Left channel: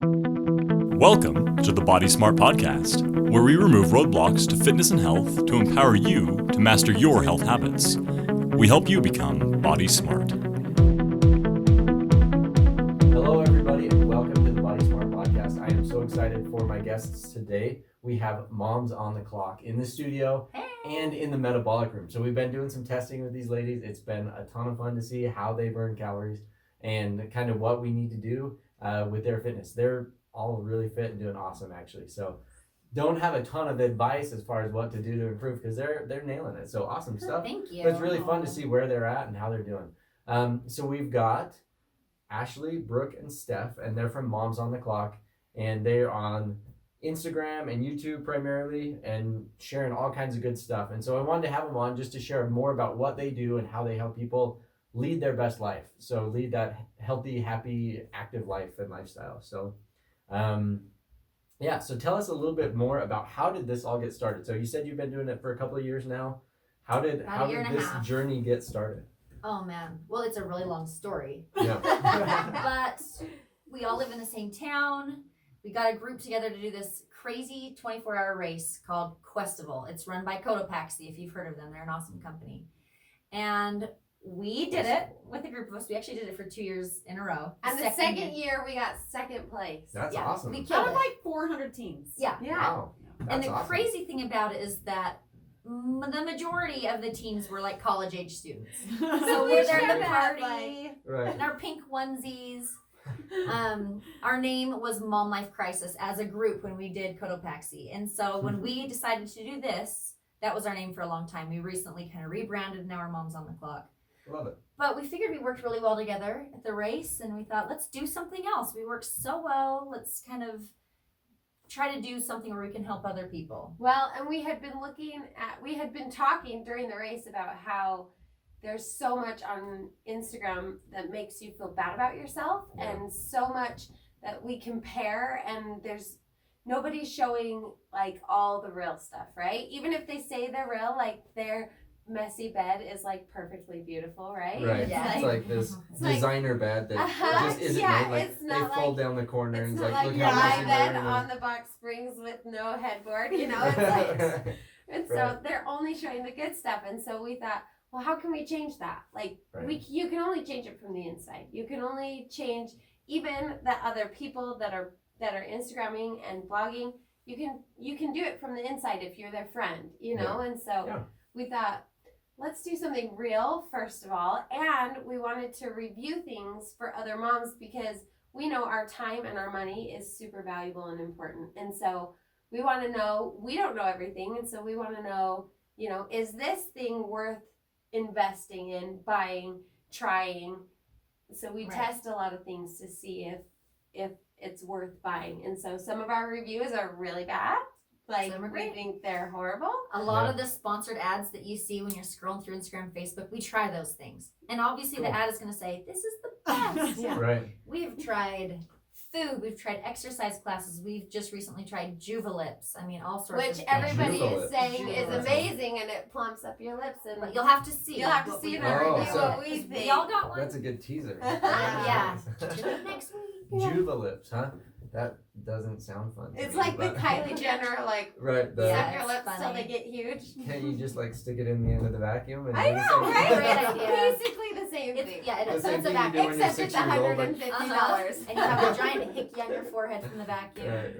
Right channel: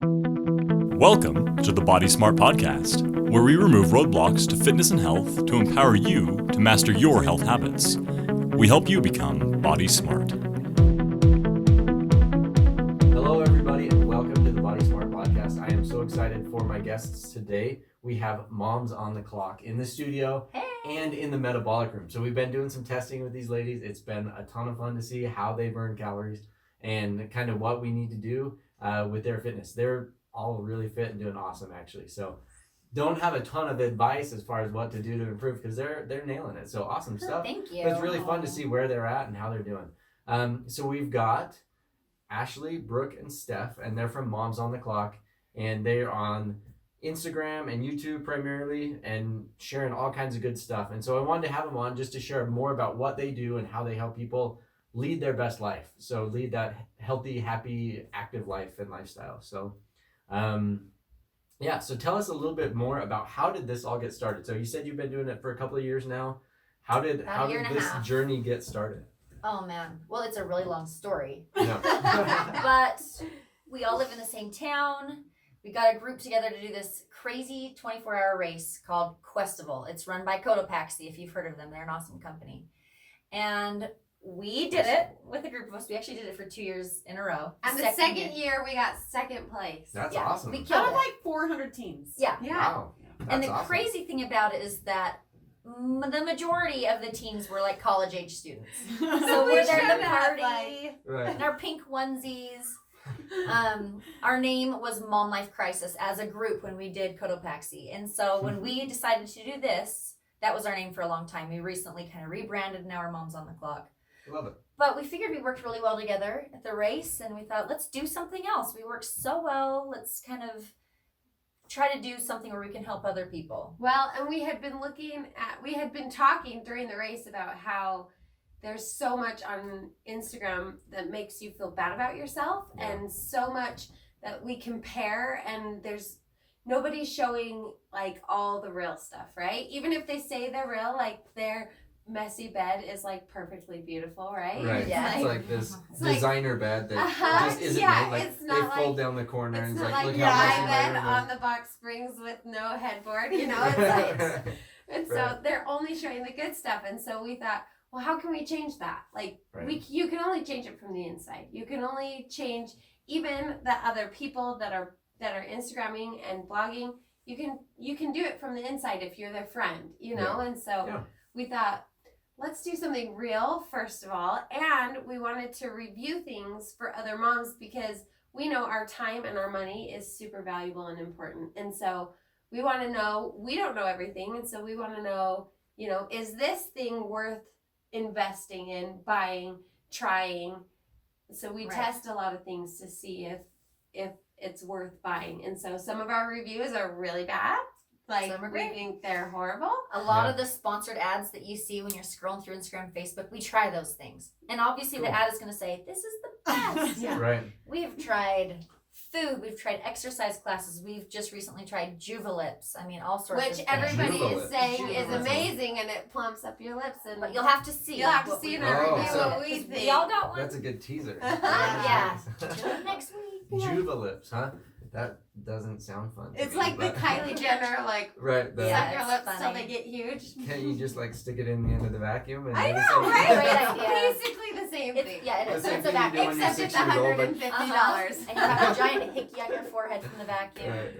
Welcome to the Body Smart Podcast, where we remove roadblocks to fitness and health to empower you to master your health habits. We help you become body smart. Hello, everybody, and welcome to the Body Smart Podcast. I am so excited for my guests today. We have moms on the clock in the studio and in the metabolic room. So we've been doing some testing with these ladies. It's been a ton of fun to see how they burn calories and kind of what we need to do with their fitness. They're all really fit and doing awesome, actually. So don't have a ton of advice as far as what to do to improve because they're nailing it. So awesome stuff. Thank you. But it's really fun to see where they're at and how they're doing. So we've got Ashley, Brooke, and Steph, and they're from Moms on the Clock, and they're on Instagram and YouTube primarily and sharing all kinds of good stuff. And so I wanted to have them on just to share more about what they do and how they help people lead their best life. So lead that healthy, happy, active life and lifestyle. So so tell us a little bit more about how did this all get started? So you said you've been doing it for a couple of years now. How did this journey get started? Oh man, well, it's a really long story. Yeah. But we all live in the same town. We got a group together to do this crazy 24-hour race called Questival. It's run by Cotopaxi, if you've heard of them. They're an awesome company. And we did it with a group of us. We actually did it for 2 years in a row. And the second year, we got second place. That's awesome. We killed Out of it. like 400 teams. Yeah. Wow. And the That's awesome. crazy thing about it is that the majority of the teams were like college-age students. So we're there to party Right. in our pink onesies. Our name was Mom Life Crisis as a group when we did Cotopaxi. And so when we decided to do this, that was our name for a long time. We recently kind of rebranded, now we're Moms on the Clock. Love it. But we figured we worked really well together at the race, and we thought, let's do something else. We worked so well. Let's kind of try to do something where we can help other people. Well, and we had been talking during the race about how there's so much on Instagram that makes you feel bad about yourself, and so much that we compare, and there's nobody showing like all the real stuff, right? Even if they say they're real, like their messy bed is like perfectly beautiful, right? Right. Yeah. It's like this It's like- designer bed that just isn't yeah, made. Like it's not they fold like- down the corner and It's it's not like, like look how my messy bed my room on the box springs with no headboard, you know? It's like, and so Right. they're only showing the good stuff, and so we thought, well, how can we change that? Like, Right. you can only change it from the inside. You can only change even the other people that are Instagramming and blogging. You can do it from the inside if you're their friend, you know. And so we thought, let's do something real first of all, and we wanted to review things for other moms because we know our time and our money is super valuable and important, and so we want to know. We don't know everything, and so we want to know, you know, is this thing worth investing in, buying, trying? So we test a lot of things to see if it's worth buying. And so some of our reviews are really bad. Like, Some are we great. think they're horrible. A lot of the sponsored ads that you see when you're scrolling through Instagram, Facebook, we try those things. And obviously the ad is going to say, this is the best. Yeah. Right. We've tried food. We've tried exercise classes. We've just recently tried Juvalips. I mean, all sorts of Which things. everybody Jubilant. is saying is Jubilant. amazing, and it plumps up your lips. And But you'll have to see. you'll have to what see we in want. our Oh, review so- what we think. We all got one. That's a good teaser. Yeah. Tune in next week. Juvalips, huh? That doesn't sound fun. to It's me, like the but- Kylie Jenner, like, Right. The, Yeah. suck your it's lips till funny. they get huge. Can't you just like stick it in the end of the vacuum? And I then it's know, like- right? Great idea. Basically the same It's, thing. yeah, it The is. same It's a thing you do vacuum. when you're Except it's 6 years old, but- $150. And you have a giant hickey on your forehead from the vacuum. Right.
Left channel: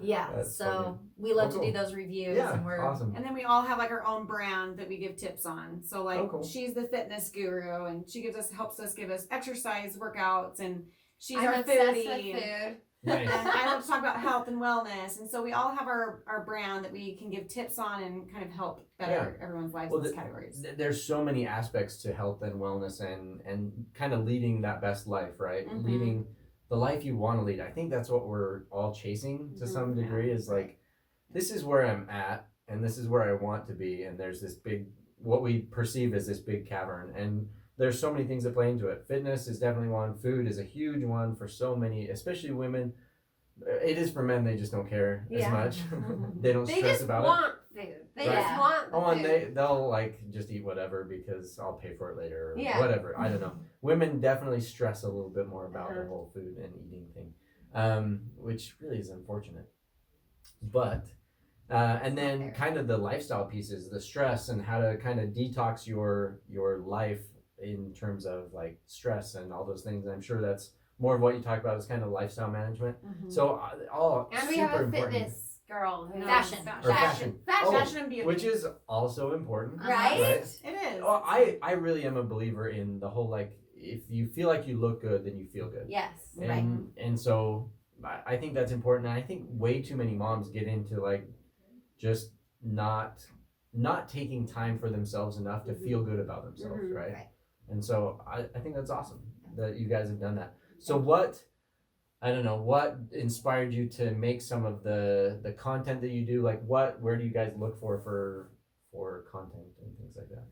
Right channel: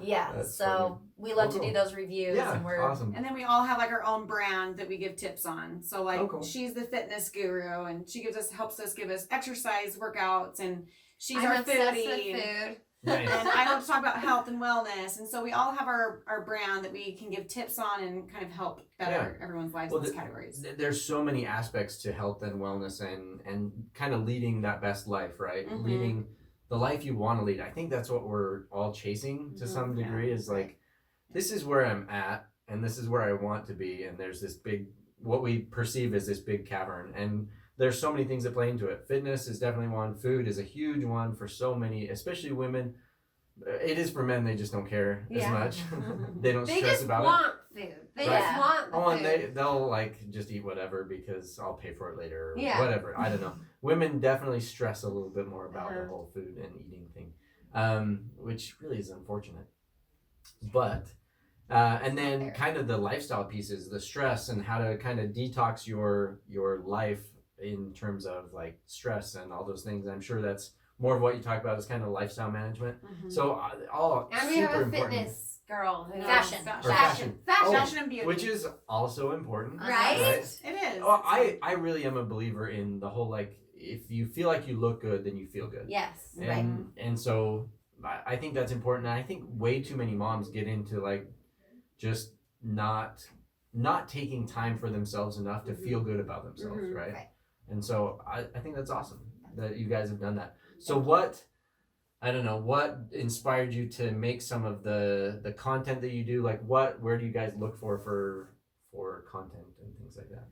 Yeah, That's so funny. we love Cool. to do those reviews, Yeah. and we're Awesome. And then we all have like our own brand that we give tips on. So like Oh, cool. she's the fitness guru, and she helps us give us exercise workouts, and she's I'm our obsessed foodie. with food. Nice. And I love to talk about health and wellness. And so we all have our brand that we can give tips on and kind of help better everyone's lives Well, in those categories. There's so many aspects to health and wellness and kind of leading that best life, right? Mhm. Leading the life you want to lead. I think that's what we're all chasing to some degree is like, this is where I'm at and this is where I want to be. And there's this big, what we perceive as this big cavern. And there's so many things that play into it. Fitness is definitely one. Food is a huge one for so many, especially women. It is for men, they just don't care as Yeah. much. They don't They stress just about it. want food. They Right. just want the Oh, and food. they'll like just eat whatever because I'll pay for it later or Yeah. whatever. I don't know. Women definitely stress a little bit more about the Uh-huh. whole food and eating thing. which really is unfortunate. But and then kind of the lifestyle pieces, the stress and how to kind of detox your life in terms of like stress and all those things. I'm sure that's more of what you talk about is kind of lifestyle management. So all and we super have a important. fitness girl who knows Fashion. Or fashion. Fashion and beauty. Which is also important. Right? It is. Well, I really am a believer in the whole like if you feel like you look good, then you feel good. Yes. And so I think that's important. And I think way too many moms get into like just not taking time for themselves enough to feel good about themselves, right? And so I think that's awesome that you guys have done that. So what inspired you to make some of the content that you do? Like where do you guys look for content and things like that?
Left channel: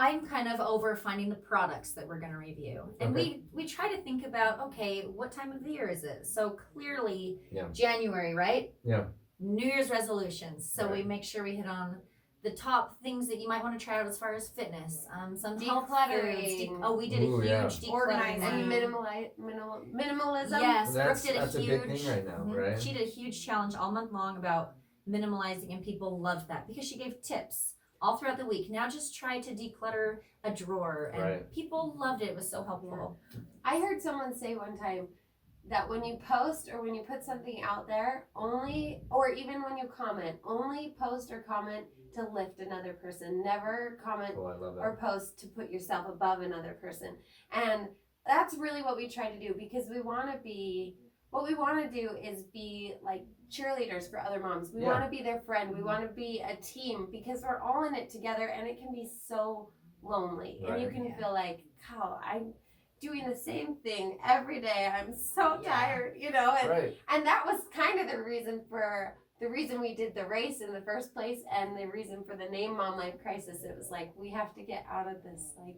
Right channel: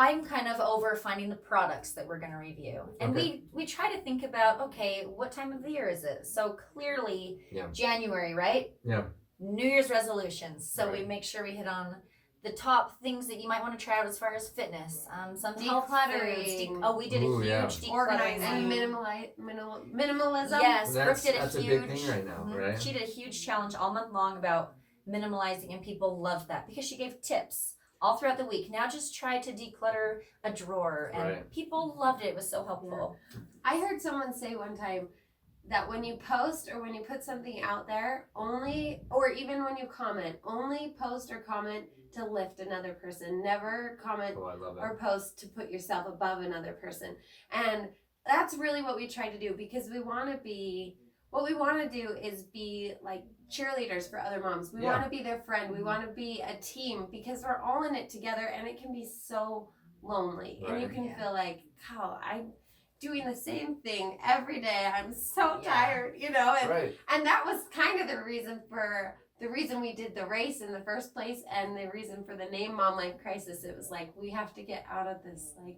I'm kind of over finding the products that we're going to review. And we try to think about, okay, what time of the year is it? So clearly January, right? Yeah. New Year's resolutions. So we Right. make sure we hit on the top things that you might want to try out as far as fitness. Some health Decluttering. foods. We did Ooh, a huge yeah. decluttering. Organizing. And minimalism. Yes, Brooke did a That's huge. a big thing right now, right? She did a huge challenge all month long about minimalizing, and people loved that because she gave tips all throughout the week. Now just try to declutter a drawer, and people loved it. It was so helpful. I heard someone say one time that when you post or when you put something out there, only, or even when you comment, only post or comment to lift another person. Never comment Oh, I love that. or post to put yourself above another person. And that's really what we try to do, because we want to be, what we want to do is be like cheerleaders for other moms. We want to be their friend. We want to be a team, because we're all in it together, and it can be so lonely. And you can feel like, God, I'm doing the same thing every day. I'm so tired, you know? And that was kind of the reason we did the race in the first place, and the reason for the name Mom Life Crisis. It was like, we have to get out of this, like,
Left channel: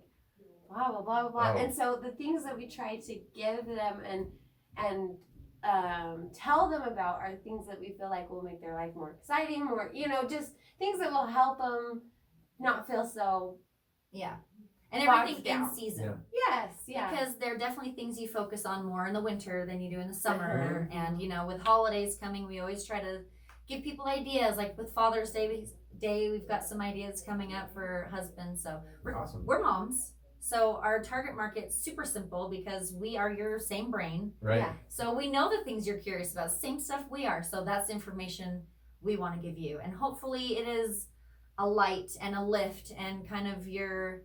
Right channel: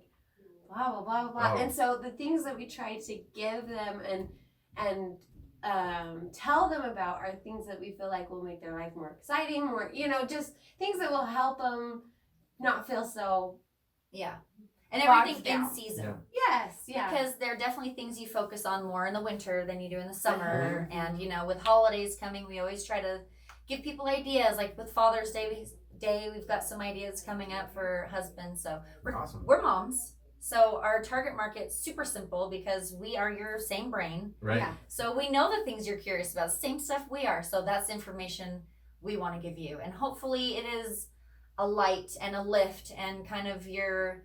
blah, blah, blah, blah. And so the things that we try to give them and tell them about are things that we feel like will make their life more exciting, more, you know, just things that will help them not feel so and bogged everything down. in season. Because there are definitely things you focus on more in the winter than you do in the summer. And you know, with holidays coming, we always try to give people ideas. Like with Father's Day, we've got some ideas coming up for husbands. So we're moms. So our target market's super simple because we are your same brain. Right. So we know the things you're curious about, same stuff we are. So that's information we want to give you. And hopefully it is a light and a lift and kind of your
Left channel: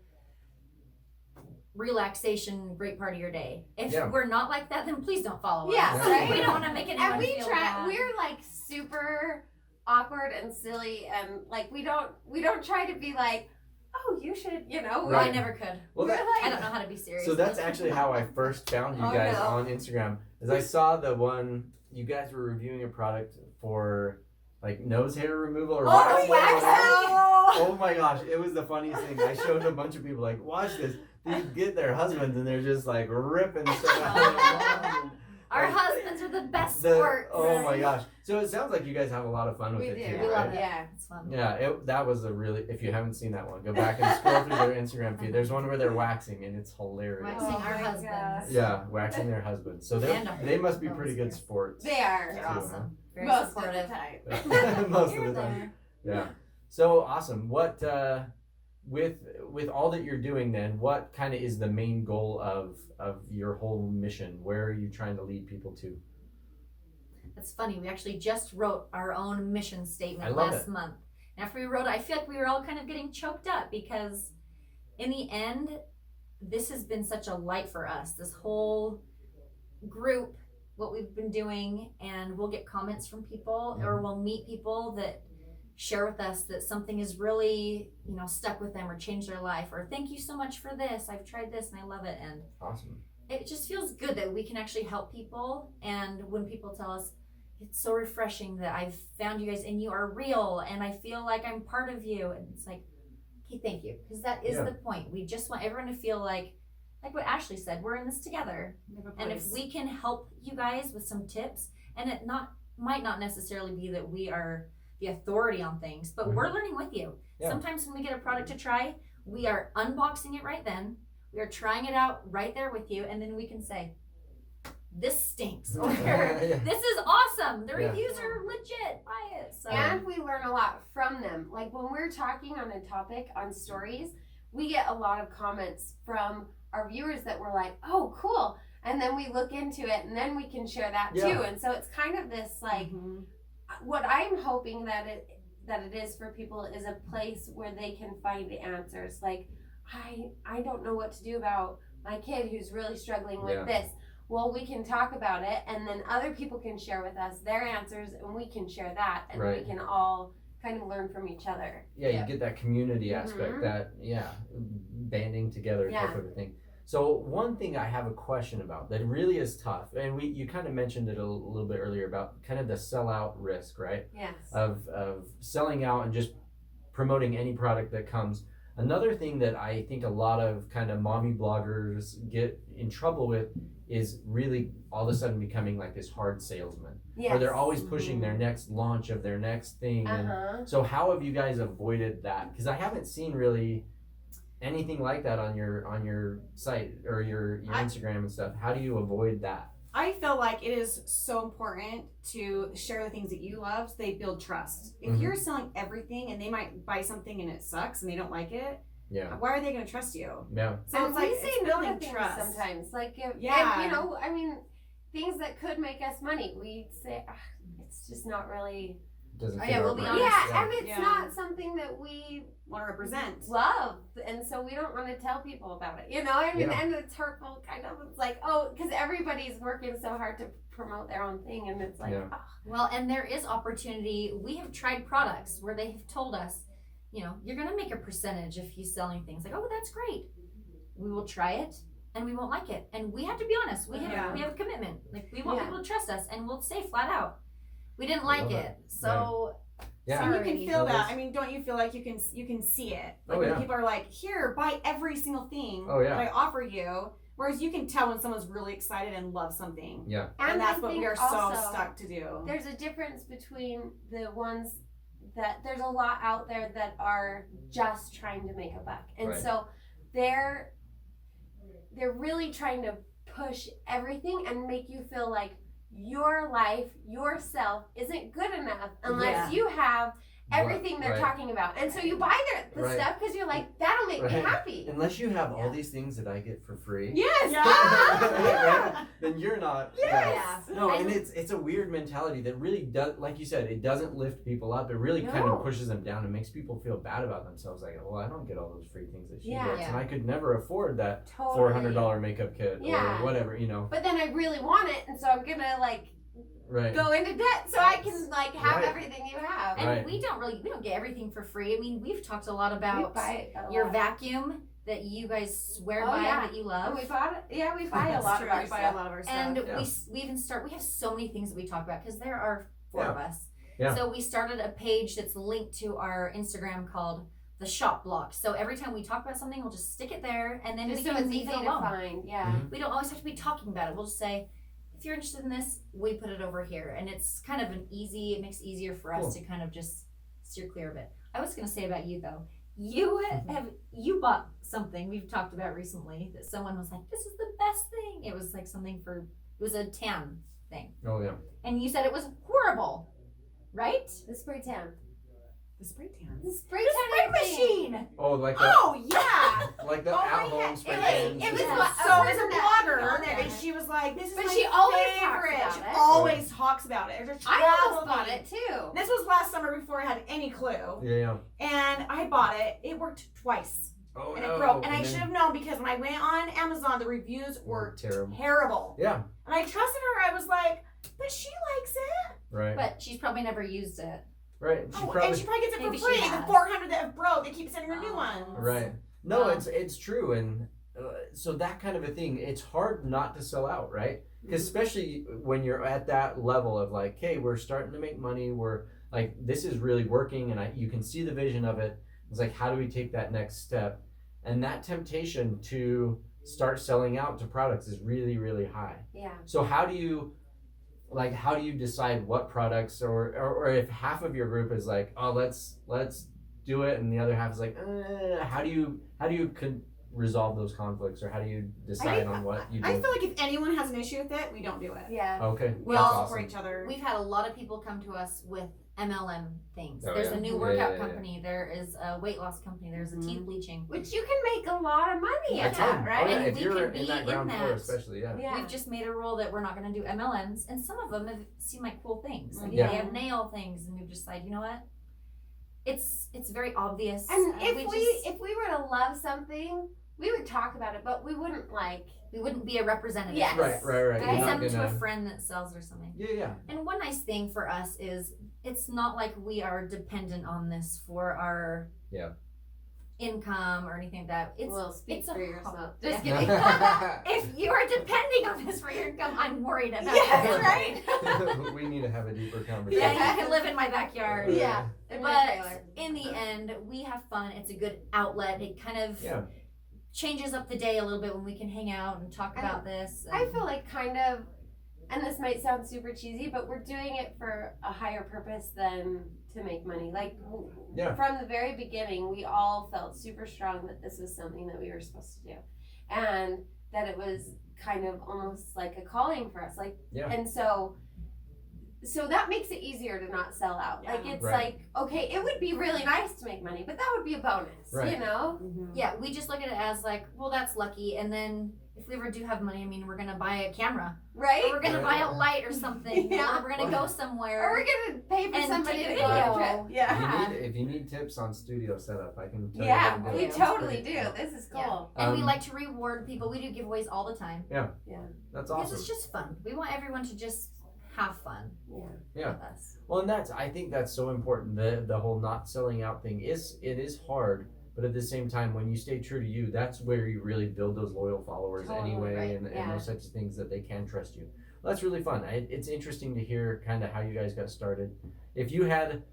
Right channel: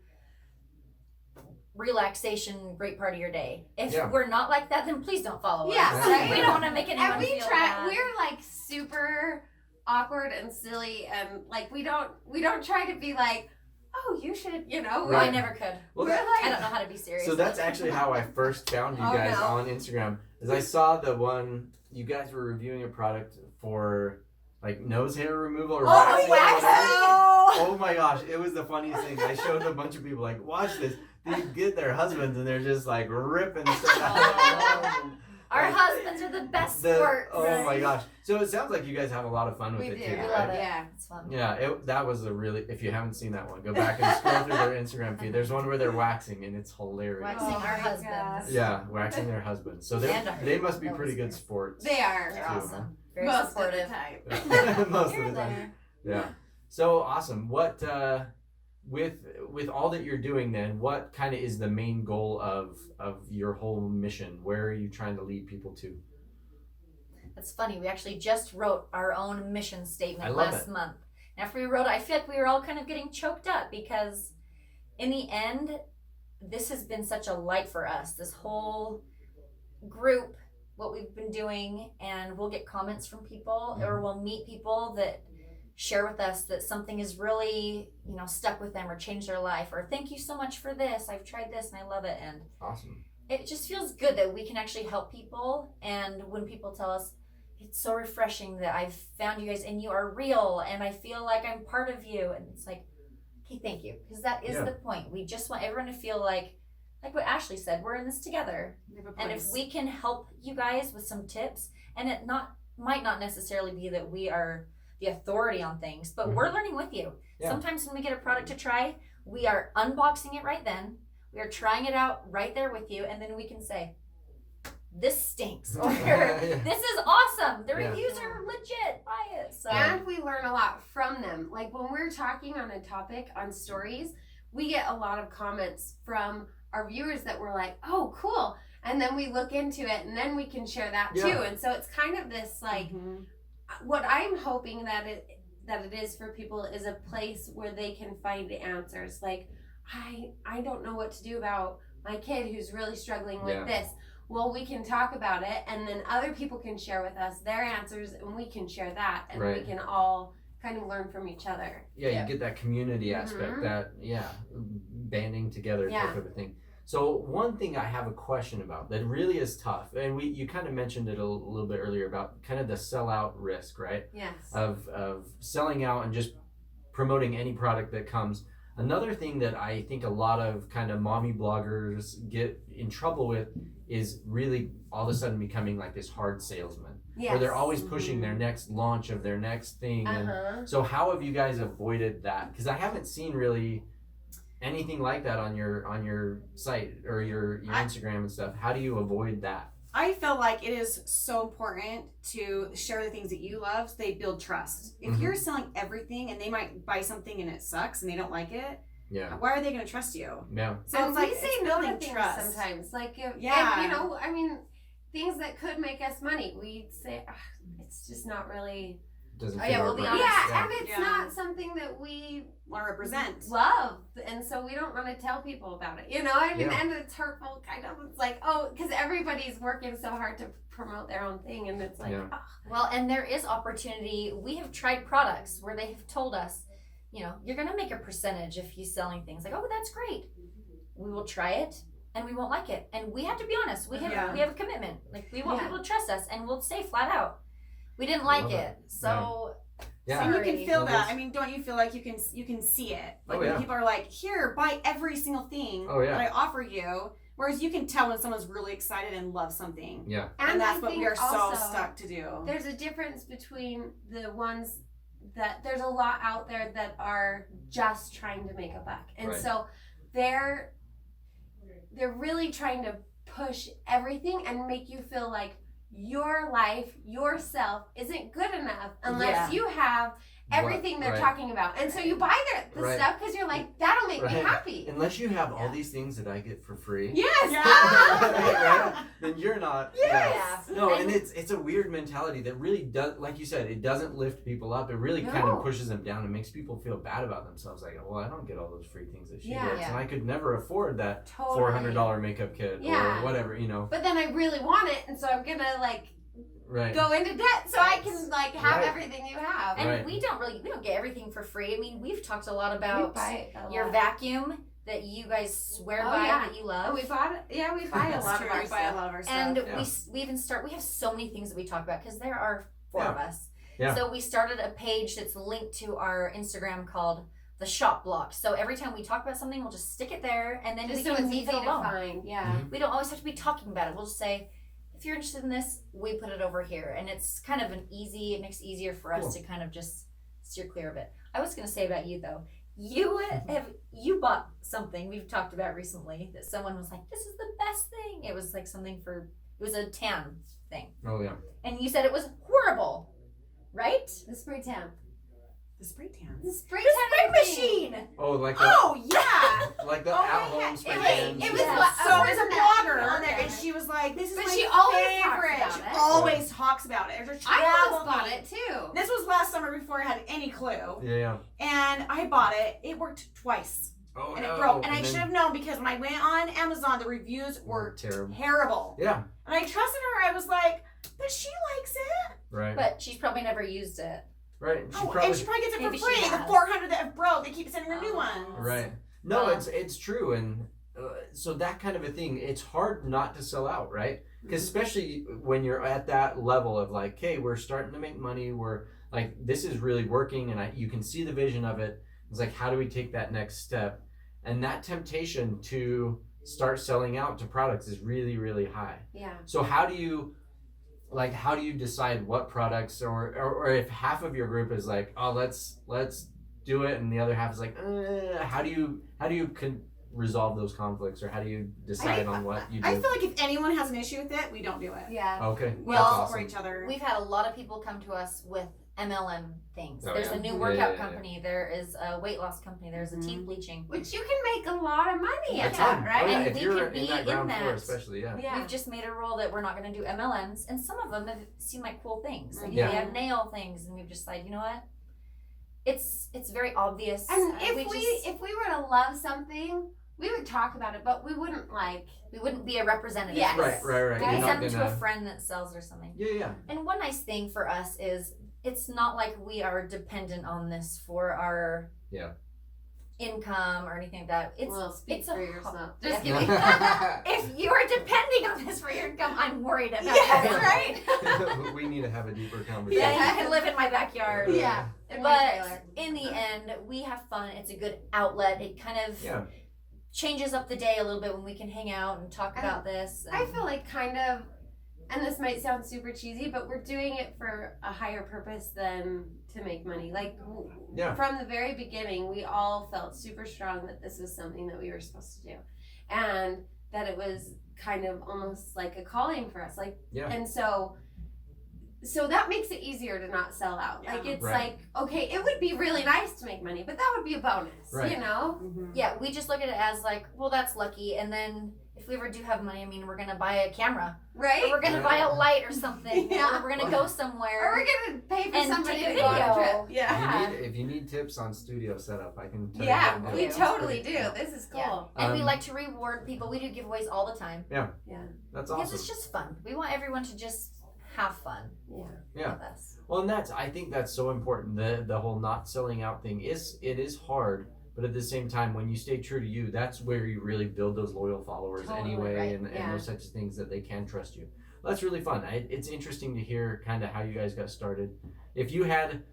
relaxation, great part of your day. If we're not like that, then please don't follow us. Right? We don't want to make anyone and we feel try. bad. We're like super awkward and silly, and like we don't try to be like, oh, you should, you know. I never could. Well, I don't know how to be serious. So that's actually how I first found you guys on Instagram. Is I saw the one you guys were reviewing a product for like nose hair removal or waxing. Oh my gosh, it was the funniest thing. I showed a bunch of people like, watch this. They get their husbands and they're just like ripping stuff out. Our husbands are the best sport. Oh my gosh. So it sounds like you guys have a lot of fun with it too. We love it. Yeah. It's fun. Yeah, that was a really, if you haven't seen that one, go back and scroll through their Instagram feed. There's one where they're waxing and it's hilarious. Waxing our husbands. Yeah, waxing their husbands. So they must be pretty good sports. They are. They're awesome. Very Most supportive. of the time. Most of the time. Yeah. So awesome. What with all that you're doing then, what kind of is the main goal of your whole mission? Where are you trying to lead people to? It's funny. We actually just wrote our own mission statement love last it. month. And after we wrote it, I feel like we were all kind of getting choked up because in the end, this has been such a light for us. This whole group, what we've been doing, and we'll get comments from people or we'll meet people that share with us that something is really, you know, stuck with them or changed their life, or thank you so much for this. I've tried this and I love it. And awesome. It just feels good that we can actually help people. And when people tell us, it's so refreshing that I've found you guys and you are real and I feel like I'm part of you. And it's like, okay, thank you. Because that is the point. We just want everyone to feel like what Ashley said, we're in this together. And if we can help you guys with some tips, and it might not necessarily be that we are the authority on things, but we're learning with you. Sometimes when we get a product to try, we are unboxing it right then. We are trying it out right there with you, and then we can say, this stinks, or this is awesome. The reviews are legit. Buy it. So. And we learn a lot from them. Like when we're talking on a topic on stories, we get a lot of comments from our viewers that were like, oh, cool. And then we look into it, and then we can share that too. And so it's kind of this like, what I'm hoping that it is for people is a place where they can find answers. Like, I don't know what to do about my kid who's really struggling with this. Well, we can talk about it, and then other people can share with us their answers, and we can share that, and we can all kind of learn from each other. You get that community aspect, that banding together type of a thing. So one thing I have a question about that really is tough, and you kind of mentioned it a little bit earlier about kind of the sellout risk, right? Yes. Of selling out and just promoting any product that comes. Another thing that I think a lot of kind of mommy bloggers get in trouble with is really all of a sudden becoming like this hard salesman. Yes. Or they're always pushing their next launch of their next thing. And so how have you guys avoided that? Because I haven't seen really anything like that on your site or your Instagram and stuff. How do you avoid that? I feel like it is so important to share the things that you love so they build trust. If you're selling everything and they might buy something and it sucks and they don't like it, why are they going to trust you? Yeah. So and it's like we say no to things sometimes. Like, if, you know, I mean, things that could make us money, we say, it's just not really. Doesn't we'll be honest. Yeah, and it's not something that we want to represent. Love, and so we don't want to tell people about it. You know, I mean, and it's hurtful, kind of. It's like, because everybody's working so hard to promote their own thing, and it's like, Well, and there is opportunity. We have tried products where they have told us, you know, you're going to make a percentage if you're selling things. Like, oh, that's great. We will try it, and we won't like it. And we have to be honest. We have a commitment. Like, we want people to trust us, and we'll say flat out, we didn't like it. So... Yeah. And you can feel that. I mean, don't you feel like you can see it? Like when people are like, here, buy every single thing that I offer you. Whereas you can tell when someone's really excited and loves something. Yeah. And that's what we are so stuck to do. There's a difference between the ones that there's a lot out there that are just trying to make a buck. And so they're really trying to push everything and make you feel like your life, yourself, isn't good enough unless you have everything they're talking about. And so you buy the stuff because you're like, that'll make me happy. Unless you have all these things that I get for free. Yes. Then you're not. Yes. No, and it's a weird mentality that really does, like you said, it doesn't lift people up. It really kind of pushes them down and makes people feel bad about themselves. Like, well, I don't get all those free things that she gets, and I could never afford that $400 makeup kit or whatever, you know. But then I really want it, and so I'm gonna like go into debt so I can like have everything you have. And we don't get everything for free. I mean, we've talked a lot about your vacuum that you guys swear by that you love. Oh, we bought it. Yeah, we buy a lot of our stuff. And we even we have so many things that we talk about because there are 4 of us. Yeah. So we started a page that's linked to our Instagram called the Shop Block. So every time we talk about something, we'll just stick it there, and then we can leave it alone. We don't always have to be talking about it. We'll just say, if you're interested in this, we put it over here, and it's kind of it makes it easier for us to kind of just steer clear of it. I was going to say about you though, you bought something we've talked about recently that someone was like, this is the best thing. It was like it was a tan thing. Oh yeah. And you said it was horrible, right? The spray tan. The spray tan. The spray machine. Oh, like yeah. Like the at-home spray tan. It was so as a blogger on there, and she was like, "This is my favorite." She always talks about it. I almost bought it too. This was last summer before I had any clue. Yeah. And I bought it. It worked twice. Oh, and it broke. And I should have known because when I went on Amazon, the reviews were terrible. Yeah. And I trusted her. I was like, but she likes it. Right. But she's probably never used it. Right. And she probably gets it for free. The 400 that have broke, they keep sending her new ones. Right. No, it's true. And so that kind of a thing, it's hard not to sell out, right? Because especially when you're at that level of like, hey, we're starting to make money. We're like, this is really working. And you can see the vision of it. It's like, how do we take that next step? And that temptation to start selling out to products is really, really high. Yeah. So how do you decide what products, or if half of your group is like, oh, let's do it, and the other half is like, how do you resolve those conflicts, or how do you decide on what you do? I feel like if anyone has an issue with it, we don't do it. Yeah. Okay. We that's all awesome. support each other. We've had a lot of people come to us with MLM things. Oh, There's yeah. a new Yeah, workout yeah. company. There is a weight loss company. There's a teeth bleaching. Which you can make a lot of money A at ton. that, right? Oh, yeah. And If we you're could be in that ground in floor, that. especially, yeah. Yeah. We've just made a rule that we're not going to do MLMs, and some of them have seemed like cool things. Like Yeah. they have nail things, and we've decided, you know what? It's very obvious. And if just we were to love something, we would talk about it, but we wouldn't we wouldn't be a representative. Yes. Right. We You're not send them to a gonna. friend that sells or something. Yeah. And one nice thing for us is it's not like we are dependent on this for our income or anything like that. It's Well, speak it's for a yourself. Just Yeah. kidding. Yeah. If you are depending on this for your income, I'm worried about Yes, that. right? We need to have a deeper conversation. Yeah, you can live in my backyard. Yeah. In my trailer. But in the end, we have fun. It's a good outlet. It kind of Yeah. changes up the day a little bit when we can hang out and talk about this. I feel like kind of, and this might sound super cheesy, but we're doing it for a higher purpose than to make money. Like, Yeah. from the very beginning, we all felt super strong that this was something that we were supposed to do, and that it was kind of almost like a calling for us. Like, Yeah. and so that makes it easier to not sell out. Yeah. Like, it's Right. like, okay, it would be really nice to make money, but that would be a bonus, Right. you know? Yeah, we just look at it as like, well, that's lucky. And then if we ever do have money, I mean, we're gonna buy a camera, Right? or we're gonna buy a Yeah. light or something, Yeah. or we're gonna go Or somewhere. we're gonna pay for And somebody take a to go on a video. trip. Yeah. If you need tips on studio setup, I can tell you Yeah, how to do we it. totally do. Yeah. This is cool. Yeah. And we Um, like to reward people. We do giveaways all the time That's because awesome. it's just fun. We want everyone to just have fun Yeah. with us. Well, and I think that's so important. The whole not selling out thing is hard, but at the same time, when you stay true to you, that's where you really build those loyal followers Totally, anyway, right, and yeah. those types of things that they can trust you. Well, that's really fun. It's interesting to hear kind of how you guys got started. If you had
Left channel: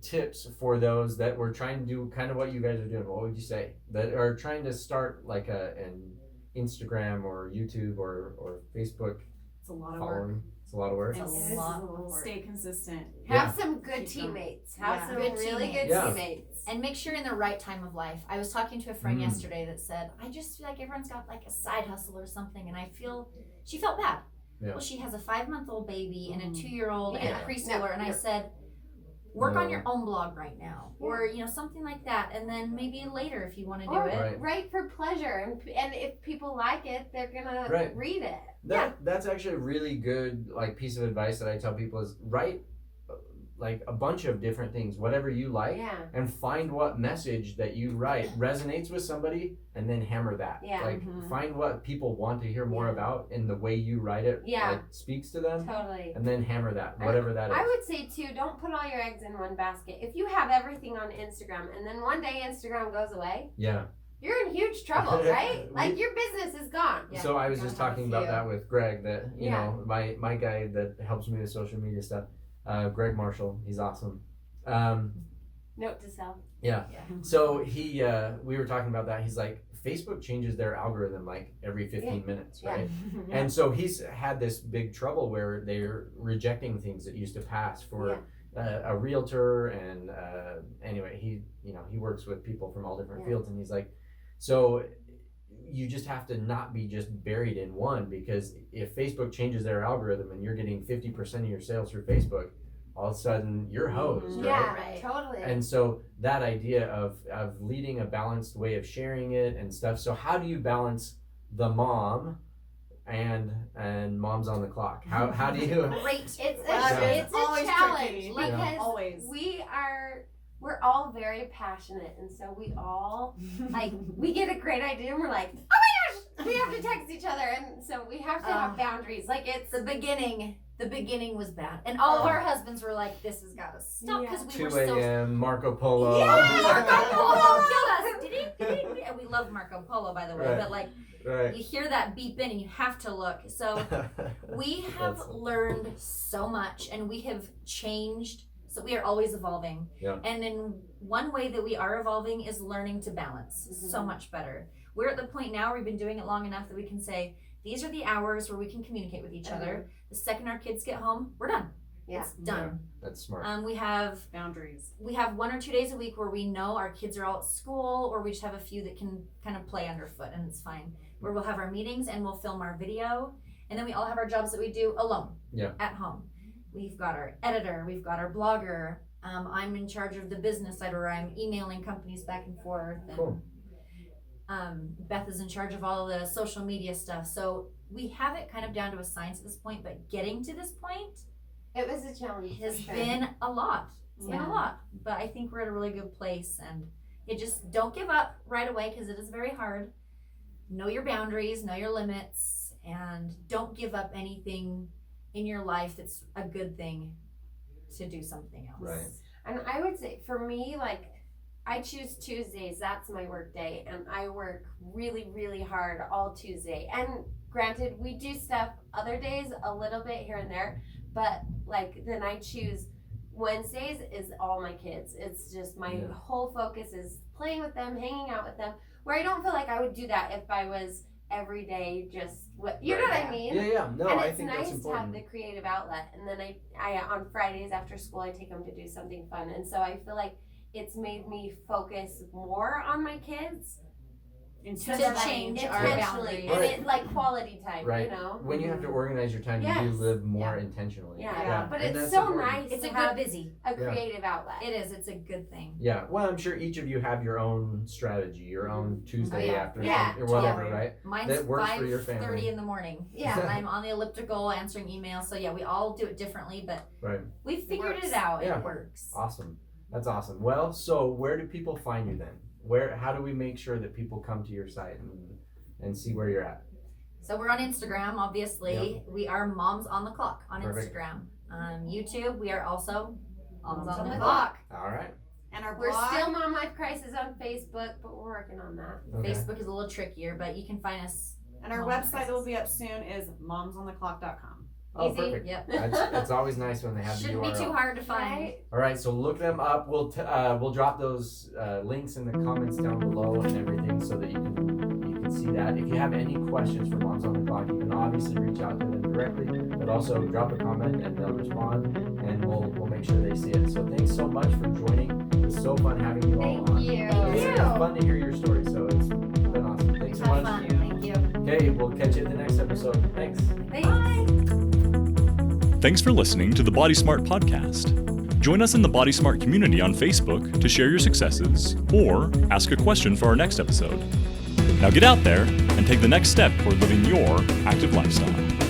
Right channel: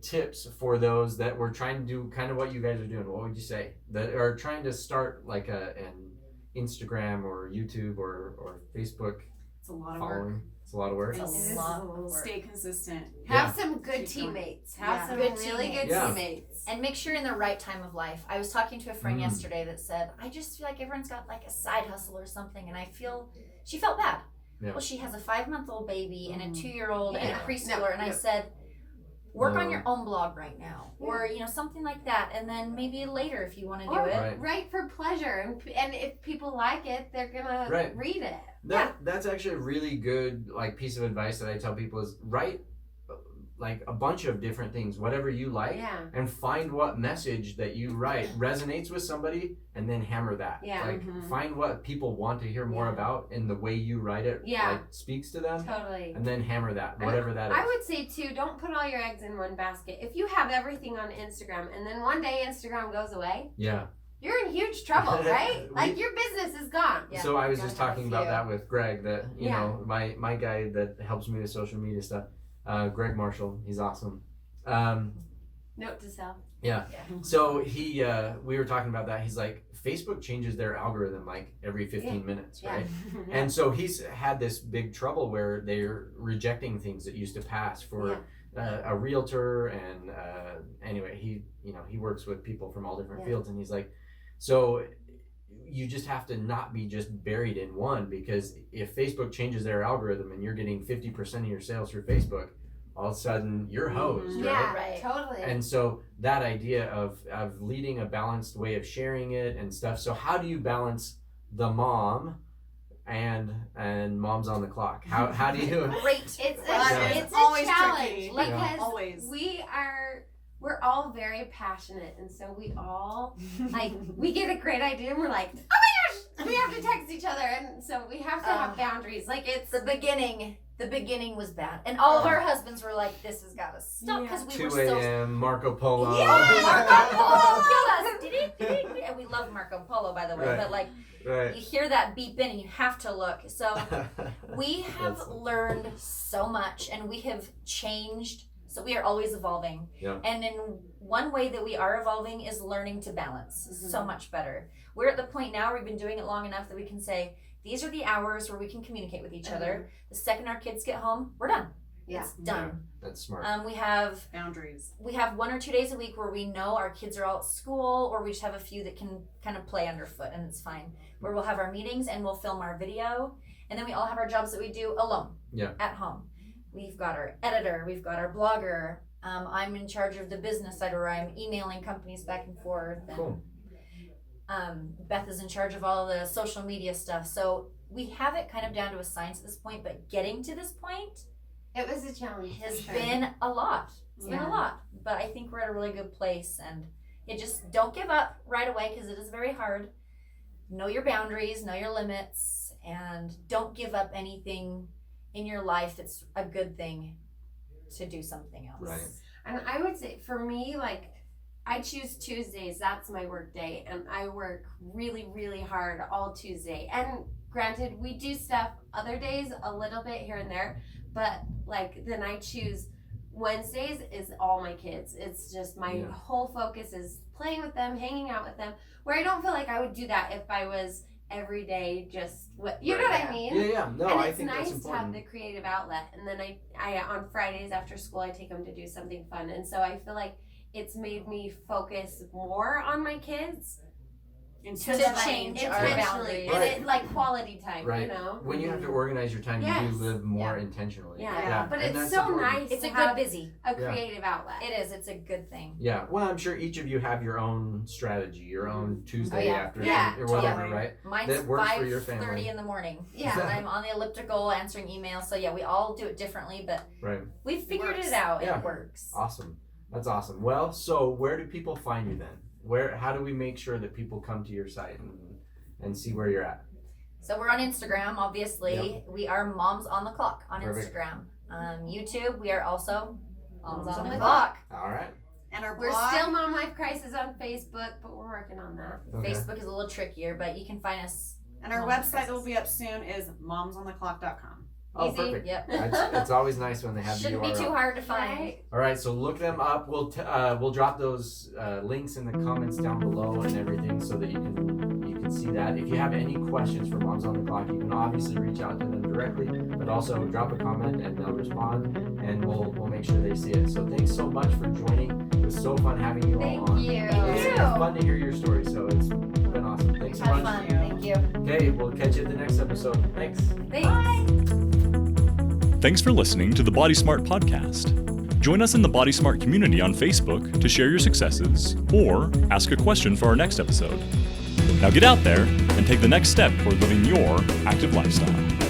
tips for those that were trying to do kind of what you guys are doing, what would you say? That are trying to start like an Instagram or YouTube or Facebook It's a lot of work. following. It's a lot of work. It's It a is lot a of little work. Stay consistent. Have some good Keep going. teammates. Have Yeah. some Good really good teammates. Yeah. teammates. And make sure you're in the right time of life. I was talking to a friend Mm. yesterday that said, I just feel like everyone's got like a side hustle or something. And she felt bad. Yeah. Well, she has a 5-month-old baby and a Mhm. 2-year-old and a Yeah. preschooler. No, And I no. said, work on No. your own blog right now. Or, something like that. And then maybe later if you want to do Or it. Right. write for pleasure, and if people like it, they're gonna Right. read it. That's actually a really good like piece of advice that I tell people is write like a bunch of different things, whatever you like, Yeah. and find what message that you write resonates with somebody, and then hammer that. Yeah. Like Mhm. find what people want to hear more Yeah. about, and the way you write it Yeah. like speaks to them, Totally. and then hammer that, whatever that is. I would say too, don't put all your eggs in one basket. If you have everything on Instagram and then one day Instagram goes away, Yeah. you're in huge trouble, right? We- Like your business is gone. Yeah, So I was gotta just have a talking about few. that with Greg, that you Yeah. know my guy that helps me with social media stuff, Greg Marshall. He's awesome. Note to self. So we were talking about that. He's like, Facebook changes their algorithm like every 15 minutes, Yeah. right? And so he's had this big trouble where they're rejecting things that used to pass for a realtor, and anyway, he works with people from all different Yeah. fields, and he's like, so you just have to not be just buried in one, because if Facebook changes their algorithm and you're getting 50% of your sales through Facebook, all of a sudden you're hosed, Mhm. right? Yeah, Right. totally. And so that idea of leading a balanced way of sharing it and stuff. So how do you balance the mom and Moms on the Clock? How do you? Great. it's Yeah. it's a Always challenge tricky. because Always. we're all very passionate, and so we all like we get a great idea and we're like, oh my gosh, we have to text each other, and so we have to have boundaries. Like it's The beginning was bad. And all of our husbands were like, this has got to stop because we 2 were so a.m. Marco Polo. Yeah, Marco Polo killed us. And we love Marco Polo, by the way, Right. but like Right. you hear that beep in and you have to look. So we have That's- learned so much and we have changed. So we are always evolving. Yeah. And in one way that we are evolving is learning to balance Mhm. so much better. We're at the point now where we've been doing it long enough that we can say, these are the hours where we can communicate with each other. The second our kids get home, we're done. Yeah. It's done. That's smart. We have Boundaries. 1 or 2 days a week where we know our kids are all at school, or we just have a few that can kind of play underfoot, and it's fine. Where we'll have our meetings and we'll film our video, and then we all have our jobs that we do alone at home. We've got our editor, we've got our blogger. I'm in charge of the business side, where I'm emailing companies back and forth. And, Cool. Beth is in charge of all the social media stuff. So we have it kind of down to a science at this point, but getting to this point It was a challenge. has been a lot. It's been a lot, but I think we're at a really good place, and it just don't give up right away, because it is very hard. Know your boundaries, know your limits, and don't give up anything in your life that's a good thing to do something else. Right. And I would say for me, like, I choose Tuesdays. That's my work day, and I work really, really hard all Tuesday. And granted, we do stuff other days a little bit here and there, but like then I choose Wednesdays is all my kids. It's just my whole focus is playing with them, hanging out with them. Where I don't feel like I would do that if I was every day just what you know what I mean. Yeah. No, and I it's think that's nice to important. have the creative outlet. And then I on Fridays after school I take them to do something fun, and so I feel like it's made me focus more on my kids To change our intentionally, boundaries. and it like quality time, Right. you know. When you have to organize your time, you Yes. do live more intentionally. Yeah. But and it's that's so important. nice. It's to a good have busy. a creative outlet. It is. It's a good thing. Yeah, well, I'm sure each of you have your own strategy, your own Tuesday yeah. afternoon, Yeah, or whatever, totally. right? Mine's That works for your 5:30 family. in the morning. Yeah. I'm on the elliptical answering emails. So yeah, we all do it differently, but Right. we figured Works. it out. Yeah. It works. Awesome. That's awesome. Well, so where do people find you then? How do we make sure that people come to your site and see where you're at? So we're on Instagram, obviously. We are Moms on the Clock on Perfect. Instagram. YouTube, we are also Moms on the the Clock. All right. And our We're blog, still Mom Life Crisis on Facebook, but we're working on that. Okay. Facebook is a little trickier, but you can find us. and our Mom website Crisis. that will be up soon is momsontheclock.com. Oh, Easy. perfect. Yep. It's always nice when they have Shouldn't the be URL. too hard to find. Right? All right, so look them up. We'll drop those links in the comments down below and everything, so that you can see that. If you have any questions for Moms on the Clock, you can obviously reach out to them directly, but also drop a comment and they'll respond, and we'll make sure they see it. So thanks so much for joining. It was so fun having you all Thank on. you. It's fun to hear your story, so it's been awesome. Thanks so Have much. fun. Thank you. Okay, we'll catch you at the next episode. Thanks. Thanks. Thanks for listening to the Body Smart podcast. Join us in the Body Smart community on Facebook to share your successes or ask a question for our next episode. Now get out there and take the next step toward living your active lifestyle.